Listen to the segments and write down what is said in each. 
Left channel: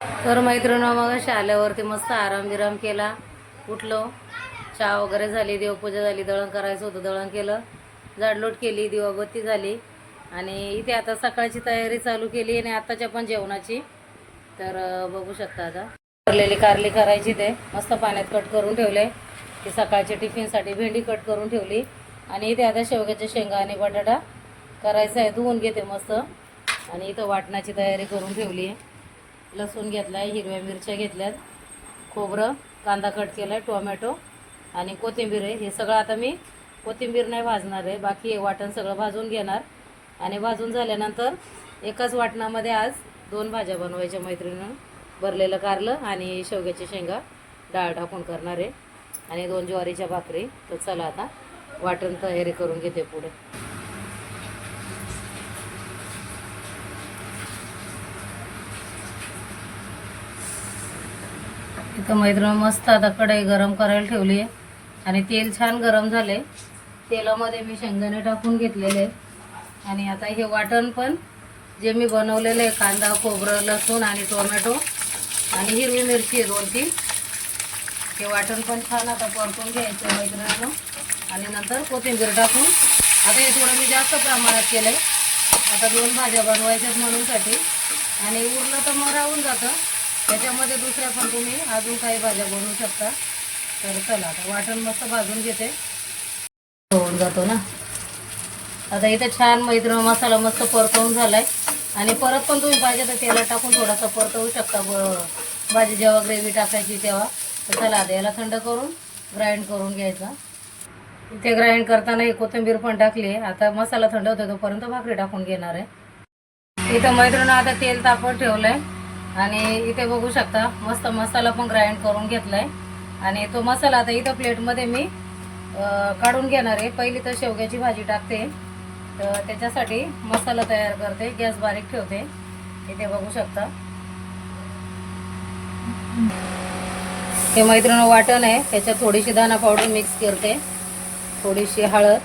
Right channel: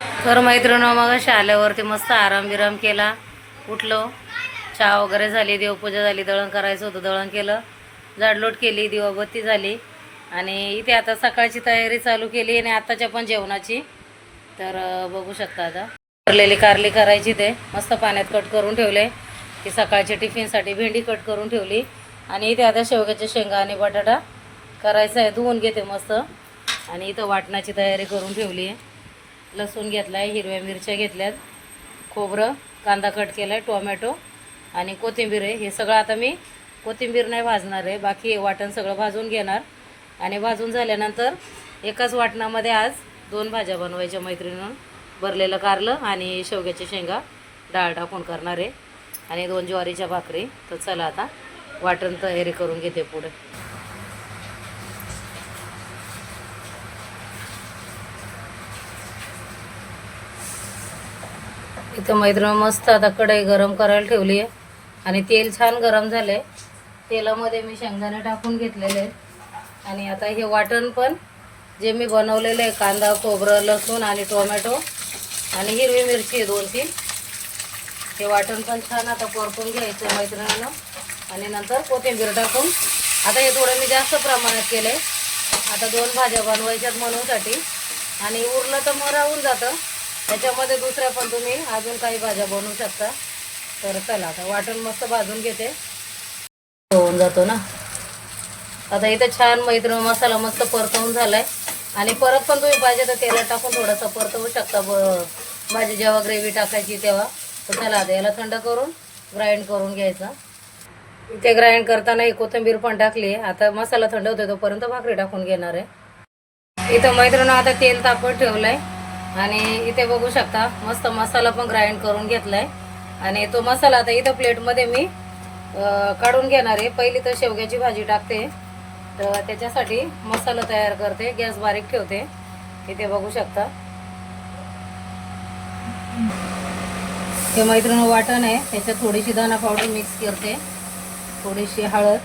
तर मैत्रिणी मग आल्यावरती मस्त आराम बिराम केला. उठलो, चहा वगैरे झाली, देवपूजा झाली, दळण करायचं होतं दळण केलं, जाडलोट केली, दिवाबत्ती झाली आणि इथे आता सकाळची तयारी चालू केली आणि आताच्या पण जेवणाची. तर बघू शकता आता भरलेली कारली करायची, ते मस्त पाण्यात कट करून ठेवले. ती सकाळच्या टिफिनसाठी भेंडी कट करून ठेवली आणि इथे आता शेवग्याच्या शेंगा आणि बटाटा करायचा आहे. धुवून घेते मस्त आणि इथं वाटणाची तयारी करून ठेवली आहे. लसूण घेतला आहे, हिरव्या मिरच्या घेतल्यात, खोबरं, कांदा कट केला आहे, टोमॅटो आणि कोथिंबीर आहे. हे सगळं आता मी कोथिंबीर नाही भाजणार आहे, बाकी हे वाटण सगळं भाजून घेणार आणि भाजून झाल्यानंतर एकाच वाटणामध्ये आज 2 भाज्या बनवायच्या मैत्रिणीनं. भरलेलं कारलं आणि शेवग्याच्या शेंगा डाळ टाकून करणार आहे आणि 2 ज्वारीच्या भाकरी. तर चला आता वाटण तयारी करून घेते पुढे. इथं मैत्रिणी मस्त आता कढई गरम करायला ठेवली आहे आणि तेल छान गरम झाले. तेलामध्ये मी शेंगदाणे टाकून घेतलेले आणि आता हे वाटण पण जे मी बनवलेलं आहे, कांदा, खोबरं, लसूण आणि टोमॅटो आणि हिरवी मिरची 2-3, हे वाटण पण छान आता परतून घ्यायचं मैत्रिणीनं आणि नंतर कोथिंबीर टाकून. आता हे थोडं मी जास्त प्रमाणात केलं आहे, आता 2 भाज्या बनवायच्यात म्हणूनसाठी आणि उरलं तर मग राहून जातं. त्याच्यामध्ये दुसऱ्या पण तुम्ही अजून काही भाज्या बनवू शकता. तर चला आता वाटण मस्त भाजून घेते, होऊन जातो ना. आता इथं छान मैत्रिणी मसाला मस्त परतवून झालाय आणि परत पण तुम्ही पाहिजे तर तेलात टाकून थोडासा परतवू शकता भाजी जेव्हा ग्रेव्ही टाकायची तेव्हा. तर चला आता याला थंड करून ग्राइंड करून घ्यायचं. इथे ग्राइंड करताना ही कोथिंबीर पण टाकली. आता मसाला थंड होतो तोपर्यंत भाकरी टाकून घेणार आहे. इथं मैत्रिणी आता तेल तापत ठेवलंय आणि इथे बघू शकता मस्त मसाला पण ग्राइंड करून घेतलाय आणि तो मसाला आता इथं प्लेटमध्ये मी काढून घेणार आहे. पहिली तर शेवग्याची भाजी टाकते, तर त्याच्यासाठी मसाला तयार करते. गॅस बारीक ठेवते. इथे बघू शकता हे मैत्रिणी वाटण आहे, त्याच्यात थोडीशी धना पावडर मिक्स करते, थोडीशी हळद,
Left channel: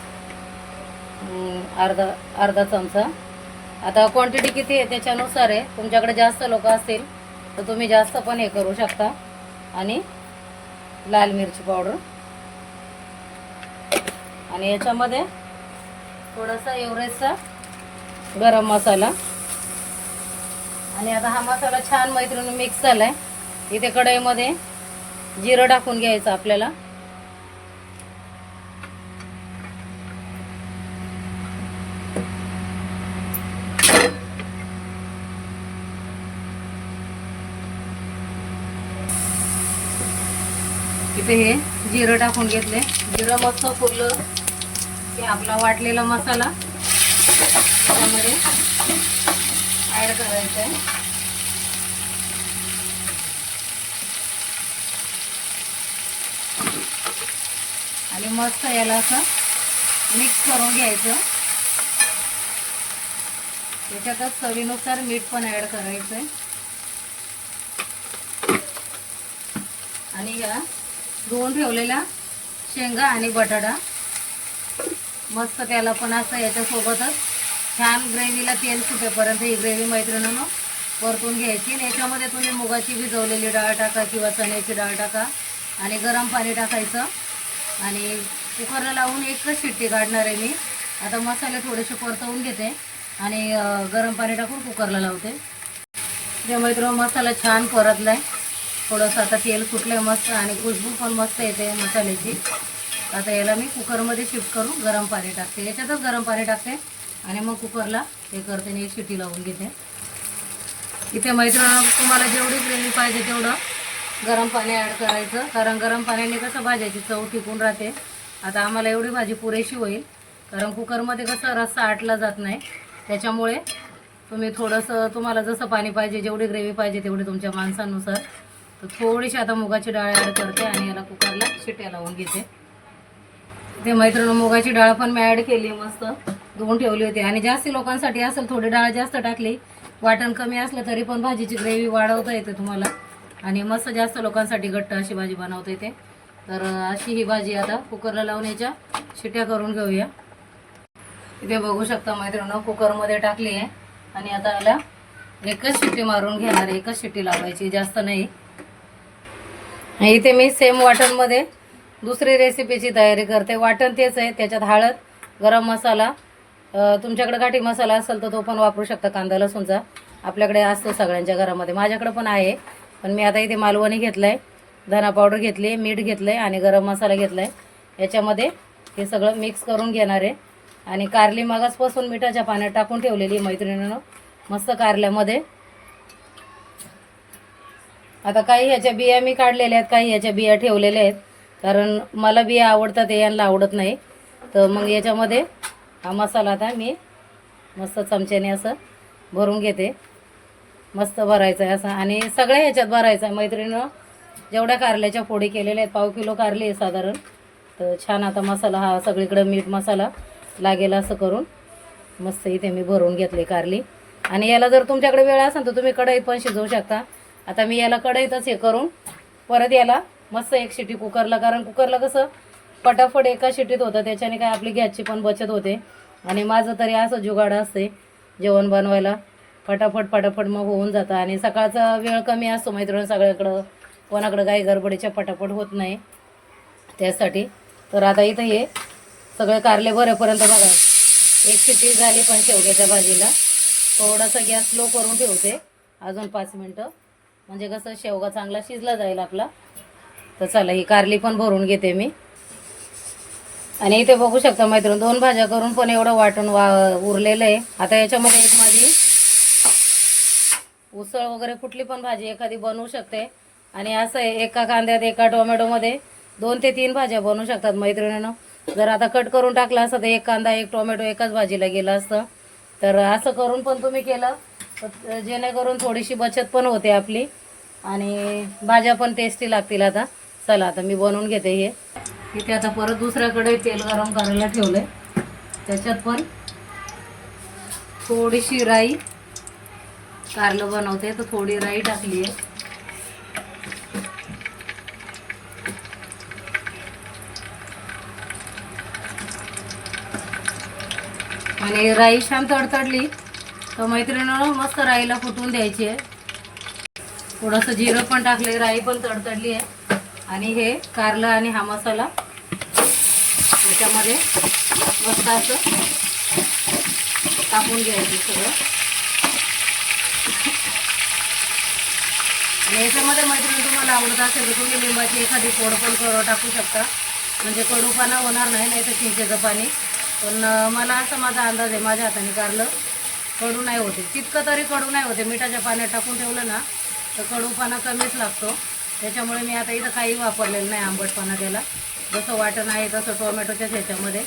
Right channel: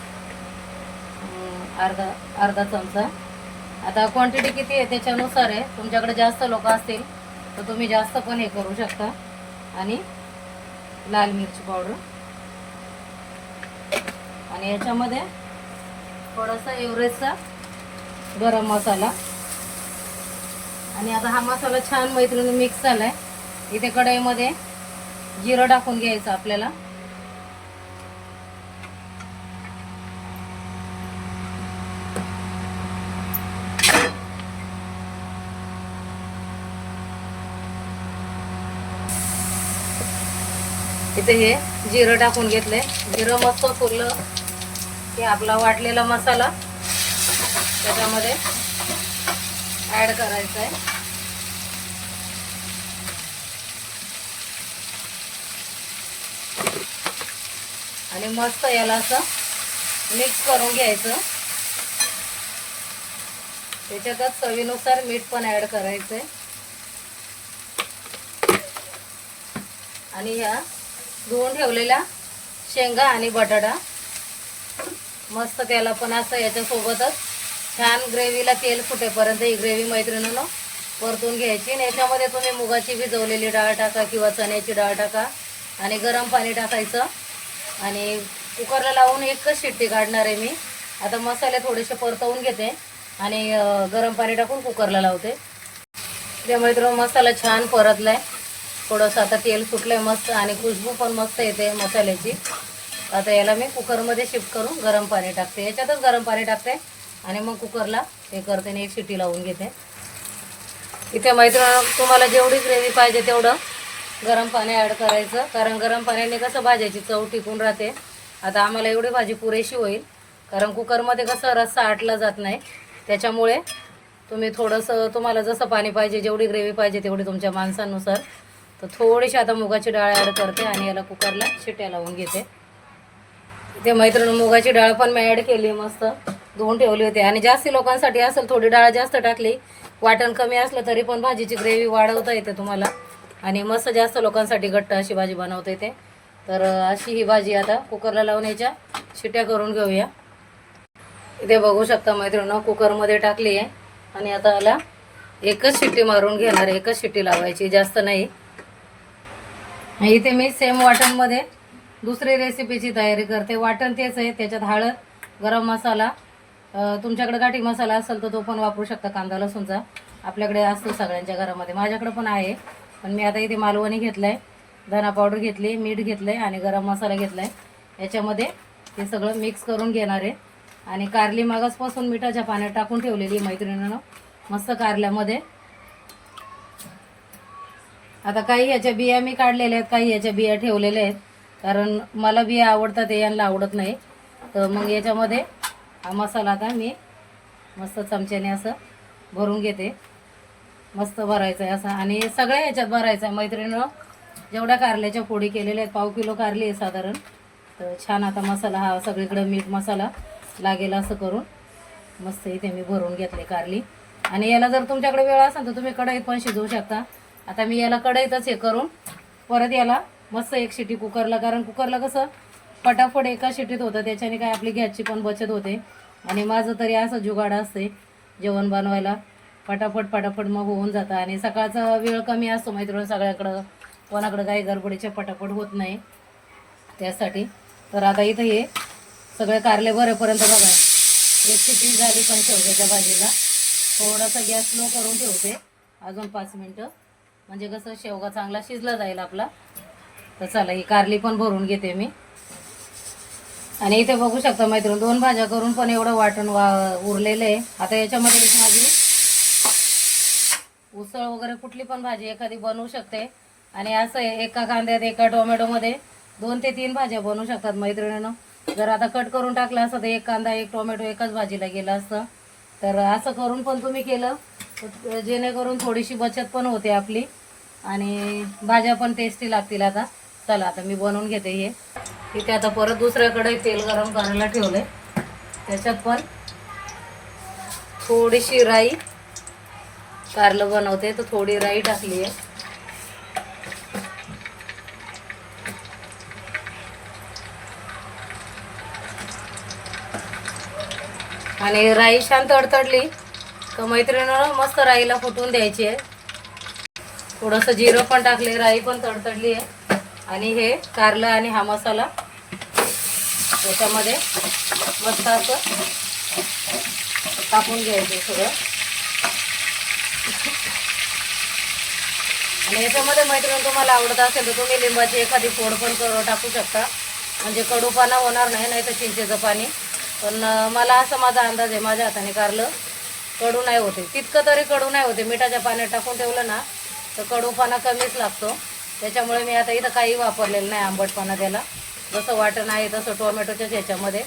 अर्धा चमचा. आता क्वांटिटी किती आहे त्याच्यानुसार आहे, तुमच्याकडे जास्त लोक असतील तर तुम्ही जास्त पण हे करू शकता. आणि लाल मिरची पावडर आणि याच्यामध्ये थोडासा एव्हरेस्टचा गरम मसाला. आणि आता हा मसाला छान मैत्रिणी मिक्स झालाय. इथे कढईमध्ये जिरं टाकून घ्यायचं आपल्याला. इथे हे जिरं टाकून घेतले. जिरं मस्त फुललं की आपला वाटलेला मसाला त्याच्यामध्ये ऍड करायचा आहे. आणि मस्त याला असं मिक्स करून घ्यायचं. त्याच्यातच चवीनुसार मीठ पण ऍड करायचंय आणि ह्या धुवून ठेवलेला शेंगा आणि बटाटा मस्त त्याला पण असं याच्यासोबतच छान ग्रेव्हीला तेल फुटेपर्यंत ही ग्रेव्ही मैत्रिणीनं परतून घ्यायची. आणि याच्यामध्ये तुम्ही मुगाची भिजवलेली डाळ टाका किंवा चण्याची डाळ टाका आणि गरम पाणी टाकायचं आणि कुकरला लावून एकच शिट्टी काढणार आहे मी. आता मसाले थोडेसे परतवून घेते आणि गरम पाणी टाकून कुकरला लावते. त्या मैत्रिणी मसाला छान परतलाय, थोडंसं आता तेल फुटलंय मस्त आणि खुशबू पण मस्त येते मसाल्याची. आता याला मी कुकरमध्ये शिफ्ट करून गरम पाणी टाकते, याच्यातच गरम पाणी टाकते आणि मग कुकरला हे करते आणि एक शिट्टी लावून घेते. इथे मैत्रिणी तुम्हाला जेवढी ग्रेव्ही पाहिजे तेवढं गरम पाणी ॲड करायचं, कारण गरम पाण्याने कसं भाज्याची चव टिकून राहते. आता आम्हाला एवढी भाजी पुरेशी होईल, कारण कुकरमध्ये कसं रस्सा आटला जात नाही. त्याच्यामुळे तुम्ही थोडंसं तुम्हाला जसं पाणी पाहिजे, जेवढी ग्रेव्ही पाहिजे तेवढी तुमच्या माणसांनुसार. तर थोडीशी आता मुगाची डाळ ॲड करते आणि याला कुकरला शिट्ट्या लावून घेते. ते मैत्रिणी मुगाची डाळ पण मी ॲड केली, मस्त धुवून ठेवली होती. आणि जास्त लोकांसाठी असेल थोडी डाळ जास्त टाकली, वाटण कमी असलं तरी पण भाजीची ग्रेव्ही वाढवता येते तुम्हाला आणि मस्त जास्त लोकांसाठी घट्ट अशी भाजी बनवता येते. तर अशी ही भाजी आता कुकरला लावून याच्या शिट्ट्या करून घेऊया. इथे बघू शकता मैत्रिणी कुकरमध्ये टाकली आहे आणि आता याला एकच शिट्टी मारून घेणार, एकच शिट्टी लावायची, जास्त नाही. इथे मी सेम वाटणमध्ये दुसरी रेसिपीची तयारी करते. वाटण तेच आहे, त्याच्यात हळद, गरम मसाला, तुमच्याकडे घाटी मसाला असेल तर तो पण वापरू शकता, कांदा लसूणचा आपल्याकडे असतो सगळ्यांच्या घरामध्ये, माझ्याकडे पण आहे. पण मी आता इथे मालवणी घेतलं आहे, धना पावडर घेतली, मीठ घेतलं आहे आणि गरम मसाला घेतला आहे. याच्यामध्ये हे सगळं मिक्स करून घेणार आहे. आणि कारली मागासपासून मिठाच्या पाण्यात टाकून ठेवलेली मैत्रिणीनं मस्त कारल्यामध्ये. आता काही ह्याच्या बिया मी काढलेल्या आहेत, काही ह्याच्या बिया ठेवलेल्या आहेत, कारण मला बिया आवडतात, यांना आवडत नाही. तर मग याच्यामध्ये हा मसाला आता मी मस्त चमच्याने असं भरून घेते. मस्त भरायचं आहे असं, आणि सगळ्या ह्याच्यात भरायचं आहे मैत्रिणीनं. जेवढ्या कारल्याच्या पोळी केलेल्या आहेत, 1/2 किलो कारली आहे साधारण. तर छान आता मसाला हा सगळीकडं मीठ मसाला लागेल असं करून मस्त इथे मी भरून घेतली कारली. आणि याला जर तुमच्याकडे वेळ असेल तर तुम्ही कढईत पण शिजवू शकता. आता मी याला कढईतच हे करून परत याला मस्त एक शिटी कुकरला, कारण कुकरला कसं पटापट एका शिटीत होतं, त्याच्याने काय आपली गॅसची पण बचत होते. आणि माझं तरी असं जुगाड असते जेवण बनवायला, पटापट मग होऊन जातं. आणि सकाळचा वेळ कमी असतो मैत्रिणी सगळ्याकडं, कोणाकडं काही गडबडीच्या पटापट होत नाही त्यासाठी. तर आता इथं हे सगळे कारले भरेपर्यंत बघा एक शिट्टी झाली पण शेवग्याच्या भाजीला. थोडासा गॅस स्लो करून ठेवते अजून 5 मिनटं, म्हणजे कसं शेवगा चांगला शिजला जाईल आपला. तर चला ही कारली पण भरून घेते मी. आणि इथे बघू शकता मैत्रीण 2 भाज्या करून पण एवढं वाटण उरलेलं आहे. आता याच्यामध्ये एक माझी उसळ वगैरे कुठली पण भाजी एखादी बनवू शकते. आणि असं आहे, एका कांद्यात एका टोमॅटोमध्ये 2 ते 3 भाज्या बनवू शकतात मैत्रिणीनं. जर आता कट करून टाकला असतं तर एक कांदा एक टोमॅटो एकाच भाजीला गेला असतं. तर असं करून पण तुम्ही केलं तर जेणेकरून थोडीशी बचत पण होते आपली आणि भाज्या पण टेस्टी लागतील. आता चला आता मी बनवून घेते हे. इथे आता परत दुसऱ्याकडे तेल गरम करायला ठेवलंय, त्याच्यात पण थोडीशी राई, कारलं बनवते तर थोडी राई टाकली आहे. आणि राई छान तडतडली तर मैत्रिणीनं मस्त राईला फुटून द्यायची आहे. थोडंसं जिरं पण टाकले, राई पण तडतडली आहे. आणि हे कारलं आणि हा मसाला त्याच्यामध्ये मस्त असं टाकून घ्यायचं सगळं. आणि याच्यामध्ये मैत्रिणी तुम्हाला आवडत असेल तर तुम्ही लिंबाची एखादी फोड पण टाकू शकता, म्हणजे कडूपणा होणार नाही, नाही तर चिंचेचं पाणी. पण मला असा माझा अंदाज आहे, माझ्या हाताने कारलं कडू नाही होते, तितकं तरी कडू नाही होते. मिठाच्या पाण्यात टाकून ठेवलं ना तर कडूपणा कमीच लागतो. त्याच्यामुळे मी आता इथं काही वापरलेलं नाही आंबटपणा त्याला. जसं वाटण आहे तसं टोमॅटोच्याच ह्याच्यामध्ये.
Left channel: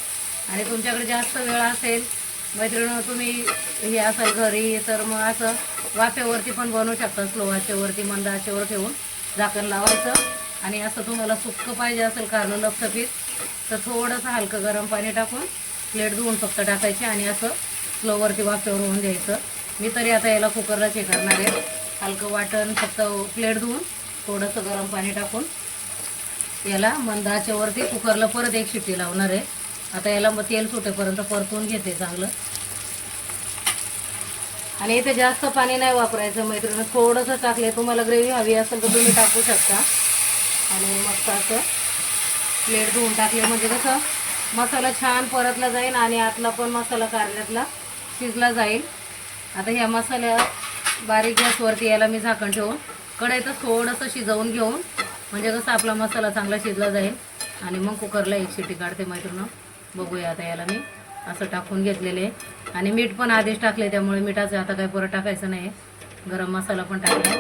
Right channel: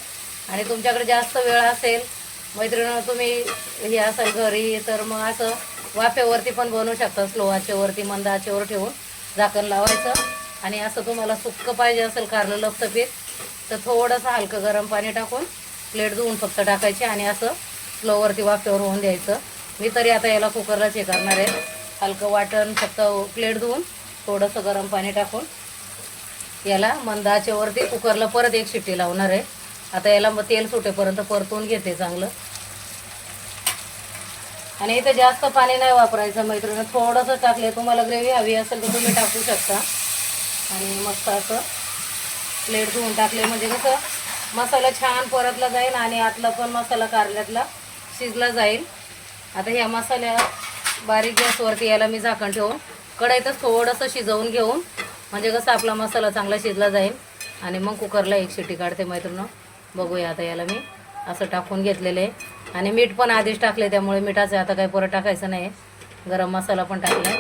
आणि तुमच्याकडे जास्त वेळ असेल मैत्रिणी, तुम्ही हे असाल घरी, तर मग असं वाफेवरती पण बनवू शकता. स्लो आचेवरती मंद आचेवर ठेवून झाकण लावायचं. आणि असं तुम्हाला सुक्कं पाहिजे असेल कारलं लपसपीत तर थोडंसं हलकं गरम पाणी टाकून प्लेट धुवून फक्त टाकायचे आणि असं स्लोवरती वाफेवर होऊन द्यायचं. मी तरी आता याला कुकरलाच हे करणार आहे. हलकं वाटण फक्त प्लेट धुवून थोडंसं गरम पाणी टाकून याला मंद आचेवरती कुकरला परत एक शिट्टी लावणार आहे. आता याला मग तेल सुटेपर्यंत परतून घेते चांगलं. आणि इथे जास्त पाणी नाही वापरायचं मैत्रिणी, थोडंसं टाकले. तुम्हाला ग्रेव्ही हवी असेल तर तुम्ही टाकू शकता. आणि मस्त असं प्लेट धुवून टाकले म्हणजे कसं मसाला छान परतला जाईल आणि आतला पण मसाला कारल्यातला शिजला जाईल. आता ह्या मसाल्या बारीक गॅसवरती याला मी झाकण ठेवून कढईतच थोडंसं शिजवून घेऊन म्हणजे कसं आपला मसाला चांगला शिजला जाईल. आणि मग कुकरला एक शिट्टी काढते मैत्रिणी. बघूया आता याला मी असं टाकून घेतलेले आहे. आणि मीठ पण आधीच टाकले त्यामुळे मिठाचं आता काही परत टाकायचं नाही. गरम मसाला पण टाकला.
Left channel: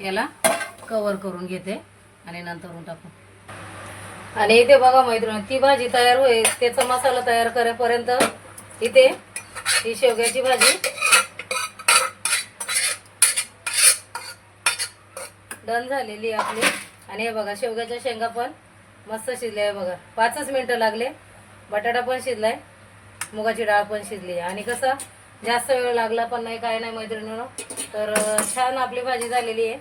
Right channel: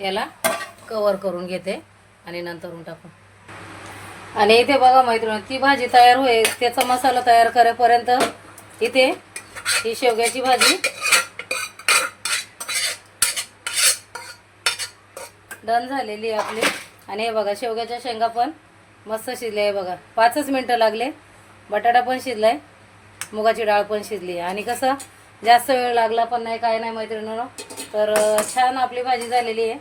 याला कवर करून घेते आणि नंतर टाकू. आणि इथे बघा मैत्रिणी ती भाजी तयार होईल, त्याचा मसाला तयार करेपर्यंत इथे ही शेवग्याची भाजी डन झालेली आहे आपली. आणि हे बघा शेवग्याच्या शेंगा पण मस्त शिजले आहे बघा, 5च मिनटं लागले. बटाटा पण शिजलाय, मुगाची डाळ पण शिजली आहे. आणि कसं जास्त वेळ लागला पण नाही, काय नाही मैत्रिणींनो. तर छान आपली भाजी झालेली आहे.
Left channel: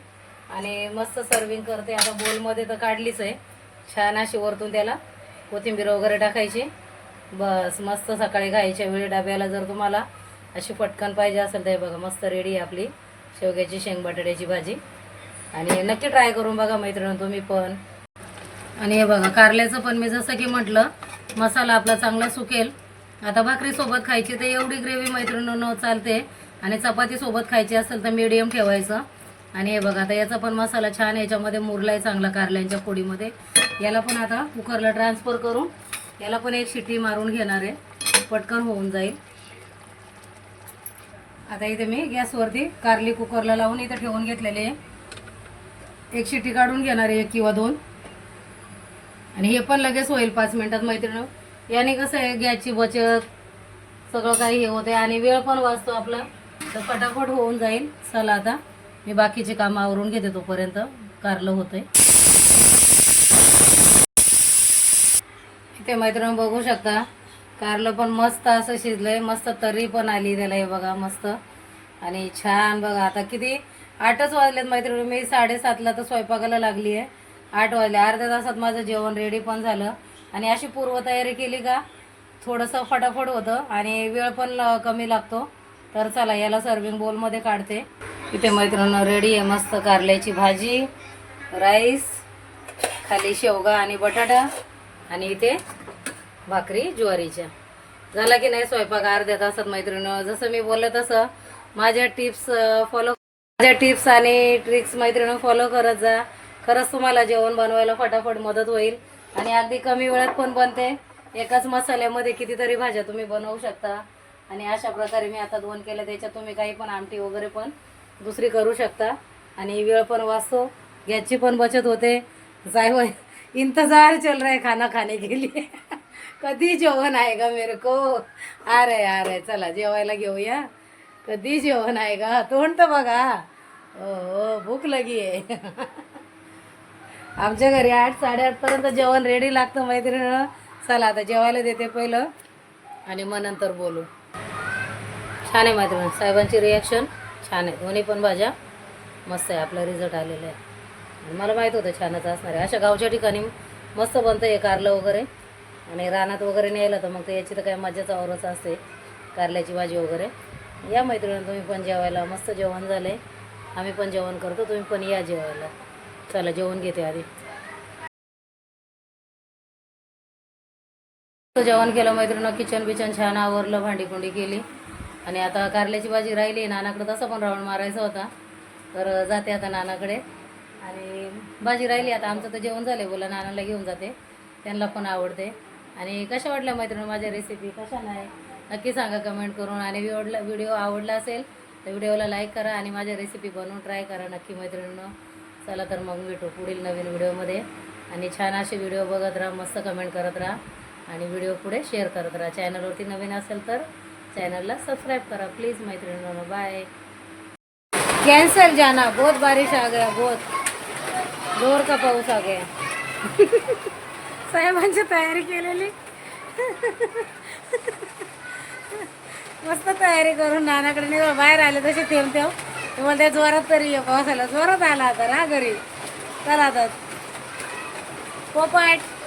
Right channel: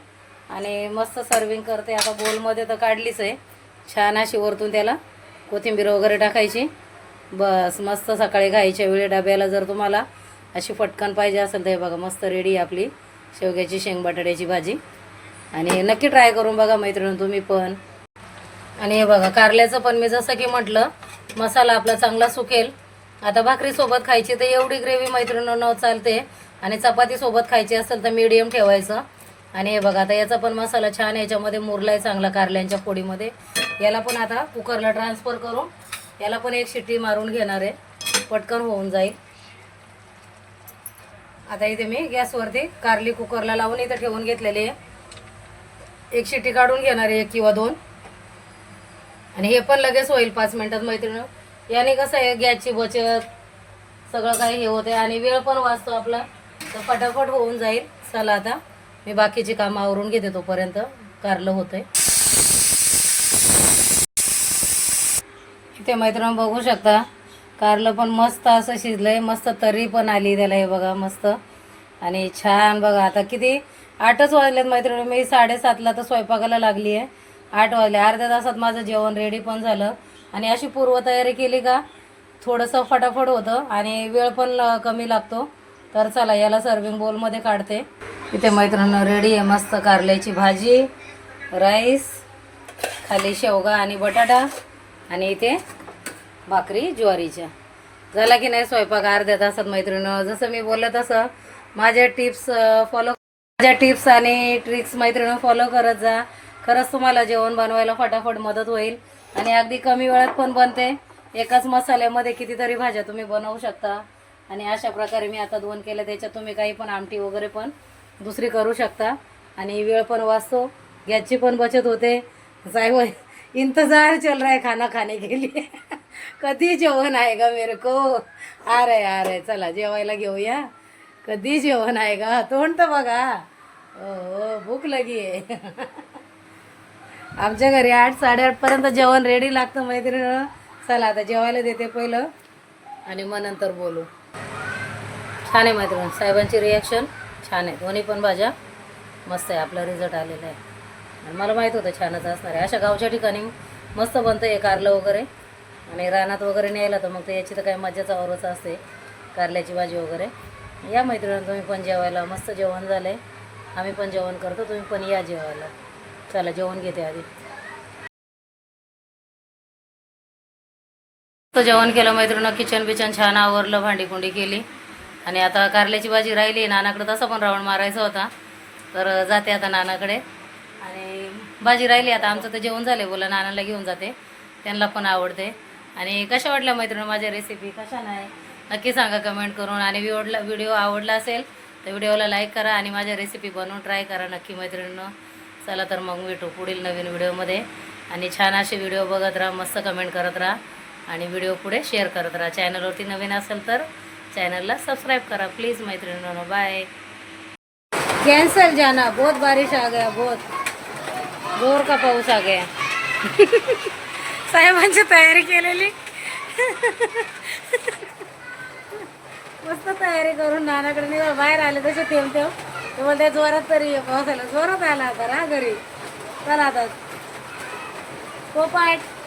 आणि मस्त सर्विंग करते आता. बोलमध्ये तर काढलीच आहे छान अशी, वरतून त्याला कोथिंबीर वगैरे टाकायची बस मस्त सकाळी खायच्या वेळी डब्याला जर तुम्हाला अशी पटकन पाहिजे असेल तर हे बघा मस्त रेडी आहे आपली शेवग्याची शेंग बटाट्याची भाजी. आणि नक्की ट्राय करून बघा मैत्रिणी तुम्ही पण. आणि हे बघा कारल्याचं पण मी जसं की म्हटलं मसाला आपला चांगला सुकेल. आता भाकरीसोबत खायची तर एवढी ग्रेव्ही मैत्रिणींनो चालते. आणि चपातीसोबत खायची असेल तर मीडियम ठेवायचं. आणि हे बघा आता याचा पण मसाला छान याच्यामध्ये मुरलाय चांगला कारल्यांच्या पोळीमध्ये. याला पण आता कुकरला ट्रान्सफर करून याला पण एक शिट्टी मारून घेणार आहे, पटकन होऊन जाईल. आता इथे मी गॅसवरती कारली कुकरला लावून इथं ठेवून घेतलेले आहे. एक शिट्टी काढून घेणार आहे 1 किंवा 2. आणि हे पण लगेच होईल 5 मिनिटात मैत्रिणी. याने कसं आहे गॅसची बचत सगळं काही हे होते आणि वेळ पण वाचतो आपला, तर फटाफट होऊन जाईल. चला आता मी बाकीची कामं आवरून घेते तोपर्यंत कारलं होतंय. इथे मैत्रिणी बघू शकता कारलं पण मस्त असं शिजलंय, मस्त तर्री पण आली त्याला. हे बघा मस्त आणि छान. बघा आता किती 8च वाजलेत मैत्रिणी. मी 7:30ला तर स्वयंपाकाला लागली आहे. 8 वाजले. अर्ध्या तासात माझं जेवण रेडी पण झालं. आणि अशी पूर्वतयारी केली का थोडंसं फटाफट होतं आणि वेळ पण कमी लागतो. तर चला याला सर्विंग बोलमध्ये काढते. इथे मैत्रिणी रेडी आहे मस्त कारल्याची भाजी, राईस, खाली शेवगा आणि बटाटा आणि इथे भाकरी ज्वारीच्या. झाला की नाही स्वयंपाक अर्ध्या तासात मैत्रिणी. जसं मी बोललं तसं माझ्या टिप्स आणि ट्रिक्स मैत्रिणी फॉलो करत जा. खरंच तुम्हाला जेवण बनवायला फटाफट मदत होईल आणि अगदी कमी वेळात पण बनते. एकाच मसाल्यामध्ये कितीतरी भाज्या तुम्ही बनवू शकता. आणि अशा प्रकारे मी आता 2 केल्या, त्याच्यात तुम्ही काही पण आमटी वगैरे पण दुसरी करू शकता आणि वेळ पण वाचतो, गॅसची पण बचत होते. जाय इंतजार चल रहा है खाना खाने के लिए. कधी जेवण आहे का मेरे को. अरे चला जेवायला घेऊया. कधी जेवण आहे का. तोंड तर बघा. हो भूक लगी आहे. आमच्या घरी 8-8:30 पर्यंत जेवण रेडी लागतं मैत्रिणी. चला आता जेवायला देते पहिलं आणि मग नंतर बोलू. छान आहे मैत्रिणी. साहेबांची रिॲक्शन छान आहे. दोन्ही पण भाज्या मस्त आहे. आपला रिझल्ट आलेला आहे आणि मला माहीत होतं छानच असणार आहे. अशा गावच्या ठिकाणी मस्त बनतं हे कारलं वगैरे. आणि रानात वगैरे न्यायला तर मग तर याची तर काही मजाच औरच असते कारल्याची भाजी वगैरे. या मैत्रिणी तुम्ही पण जेवायला. मस्त जेवण झालं आहे. आम्ही पण जेवण करतो, तुम्ही पण या जेवायला. चला जेवण घेते आधी. तर जेवण केलं मैत्रिणी. किचन बिचन छान आवरलं, भांडी केली आणि आता कारल्याची भाजी राहिली. नानाकडे तसा पण राऊंड मारायचा होता तर जाते आता नानाकडे. आणि भाजी राहिली आता. आमचं तर जेवण झालं. बोला नानाला घेऊन जाते, त्यांना पण आवडते. आणि कशा वाटल्या मैत्रिणी माझ्या रेसिपी, कशा नाही नक्की सांगा कमेंट करून. आणि व्हिडिओ आवडला असेल तर व्हिडिओला लाईक करा आणि माझ्या रेसिपी बनवून ट्राय करा नक्की मैत्रिणींनो. चला तर मग भेटू पुढील नवीन व्हिडिओमध्ये. आणि छान असे व्हिडिओ बघत राहा, मस्त कमेंट करत राहा आणि व्हिडिओ पुढे शेअर करत राहा. चॅनलवरती नवीन असेल तर चॅनलला सबस्क्राईब करा प्लीज मैत्रिणींनो. बाय. कैंसल जाना, बहुत बारिश आ गया, बहुत जोर का पाऊस आ गया. साहेबांची तयारी केलेली. मस्त तयारी करून नानाकडे नाही बाहेर आले तसे ठेवून ते बोलते जोरात तरी पाऊस आला. जोरात आला आता घरी. चला आता पोपट.